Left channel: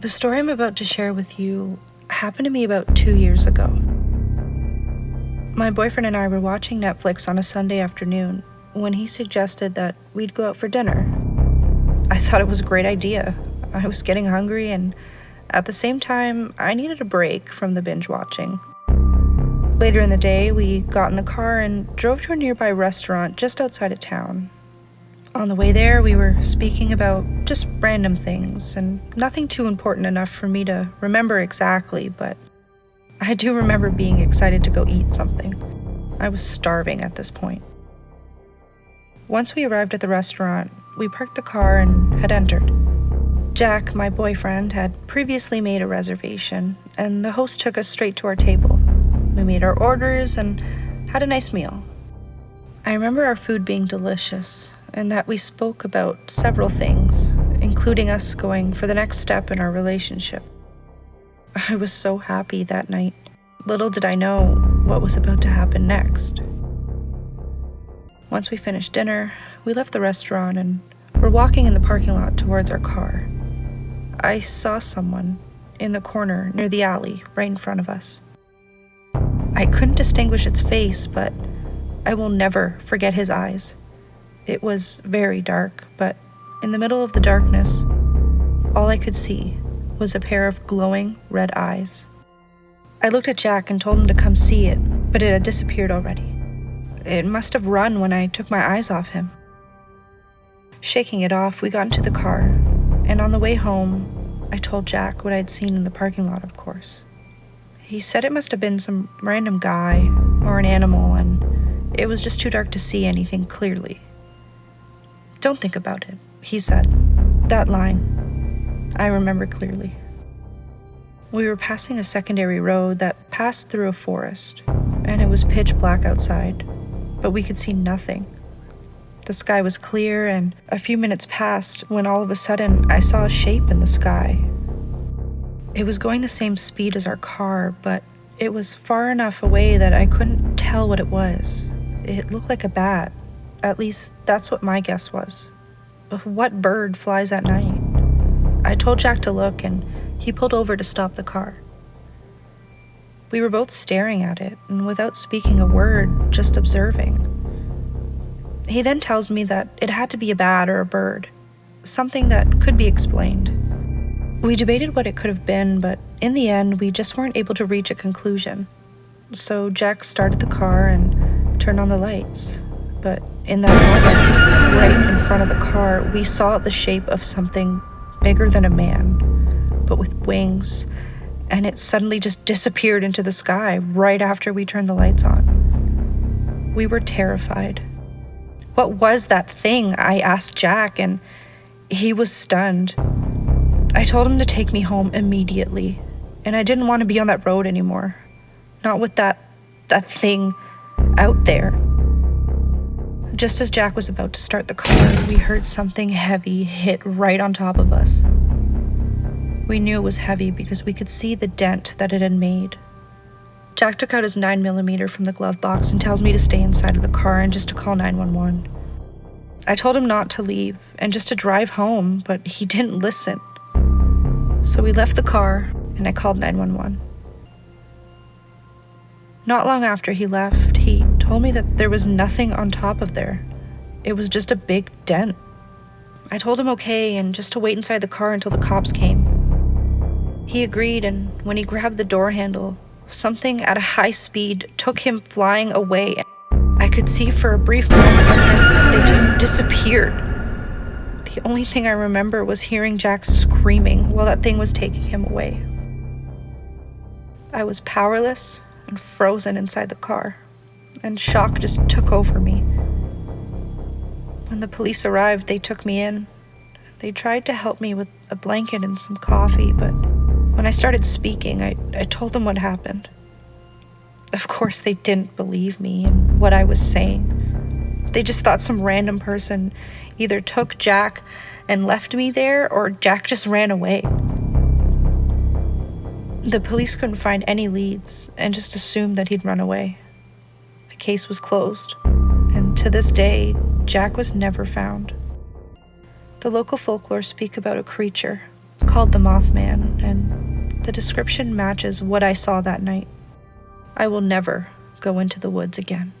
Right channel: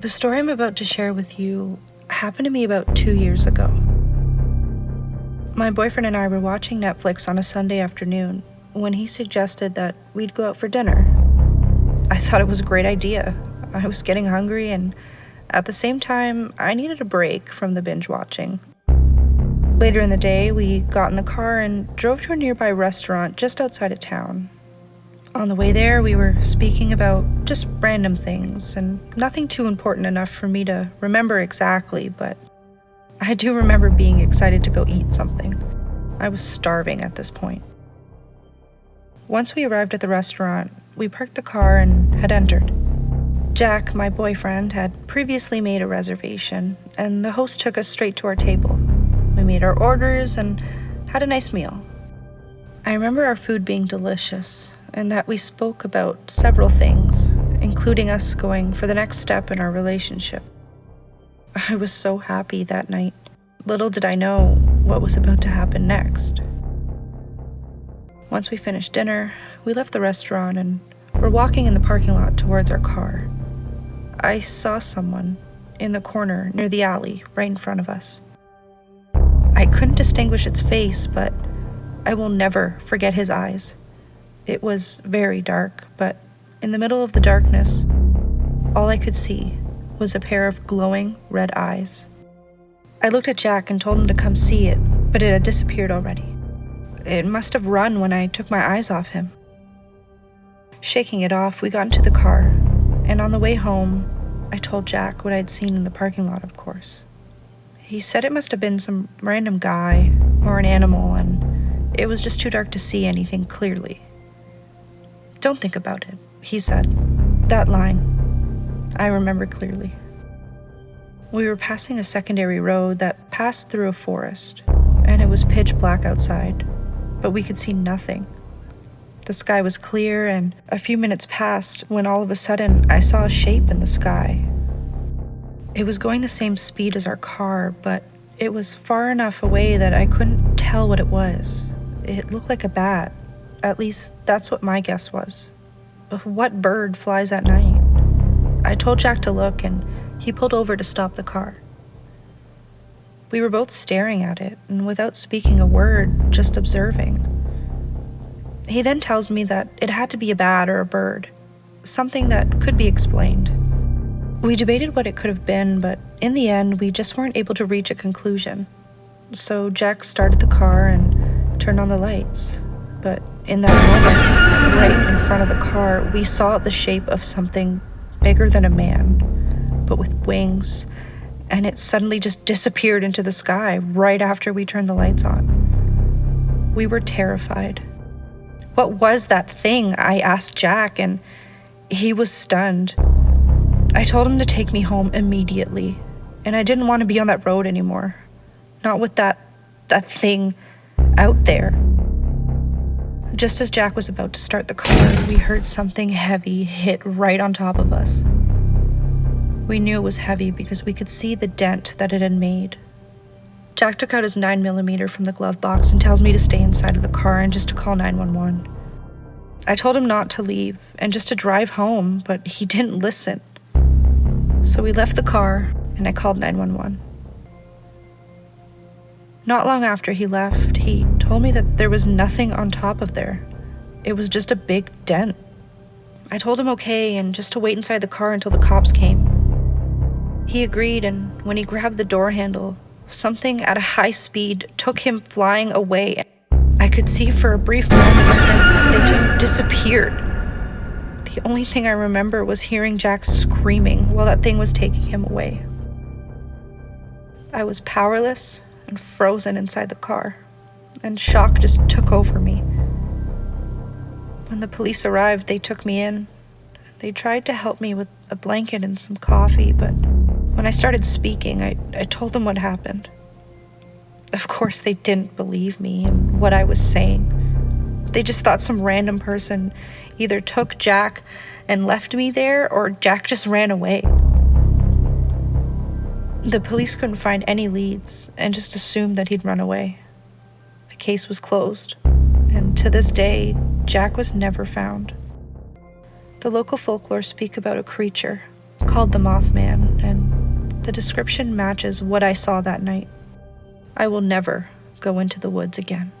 The story I'm about to share with you happened to me about 2 years ago. My boyfriend and I were watching Netflix on a Sunday afternoon when he suggested that we'd go out for dinner. I thought it was a great idea. I was getting hungry, and at the same time, I needed a break from the binge watching. Later in the day, we got in the car and drove to a nearby restaurant just outside of town. On the way there, we were speaking about just random things, and nothing too important enough for me to remember exactly, but I do remember being excited to go eat something. I was starving at this point. Once we arrived at the restaurant, we parked the car and had entered. Jack, my boyfriend, had previously made a reservation, and the host took us straight to our table. We made our orders and had a nice meal. I remember our food being delicious, and that we spoke about several things, including us going for the next step in our relationship. I was so happy that night. Little did I know what was about to happen next. Once we finished dinner, we left the restaurant and were walking in the parking lot towards our car. I saw someone in the corner near the alley right in front of us. I couldn't distinguish its face, but I will never forget his eyes. It was very dark, but in the middle of the darkness, all I could see was a pair of glowing red eyes. I looked at Jack and told him to come see it, but it had disappeared already. It must have run when I took my eyes off him. Shaking it off, we got into the car, and on the way home, I told Jack what I'd seen in the parking lot, of course. He said it must have been some random guy or an animal, and it was just too dark to see anything clearly. "Don't think about it," he said. That line, I remember clearly. We were passing a secondary road that passed through a forest, and it was pitch black outside, but we could see nothing. The sky was clear, and a few minutes passed when all of a sudden I saw a shape in the sky. It was going the same speed as our car, but it was far enough away that I couldn't tell what it was. It looked like a bat. At least, that's what my guess was. What bird flies at night? I told Jack to look, and he pulled over to stop the car. We were both staring at it, and without speaking a word, just observing. He then tells me that it had to be a bat or a bird, something that could be explained. We debated what it could have been, but in the end, we just weren't able to reach a conclusion. So Jack started the car and turned on the lights. But in that moment, right in front of the car, we saw the shape of something bigger than a man, but with wings, and it suddenly just disappeared into the sky right after we turned the lights on. We were terrified. "What was that thing?" I asked Jack, and he was stunned. I told him to take me home immediately, and I didn't want to be on that road anymore. Not with that thing out there. Just as Jack was about to start the car, we heard something heavy hit right on top of us. We knew it was heavy because we could see the dent that it had made. Jack took out his 9mm from the glove box and tells me to stay inside of the car and just to call 911. I told him not to leave and just to drive home, but he didn't listen. So we left the car and I called 911. Not long after he left, he told me that there was nothing on top of there. It was just a big dent. I told him okay and just to wait inside the car until the cops came. He agreed, and when he grabbed the door handle, something at a high speed took him flying away. I could see for a brief moment, but then they just disappeared. The only thing I remember was hearing Jack screaming while that thing was taking him away. I was powerless and frozen inside the car, and shock just took over me. When the police arrived, they took me in. They tried to help me with a blanket and some coffee, but when I started speaking, I told them what happened. Of course, they didn't believe me and what I was saying. They just thought some random person either took Jack and left me there, or Jack just ran away. The police couldn't find any leads and just assumed that he'd run away. The case was closed, and to this day, Jack was never found. The local folklore speak about a creature called the Mothman, and the description matches what I saw that night. I will never go into the woods again.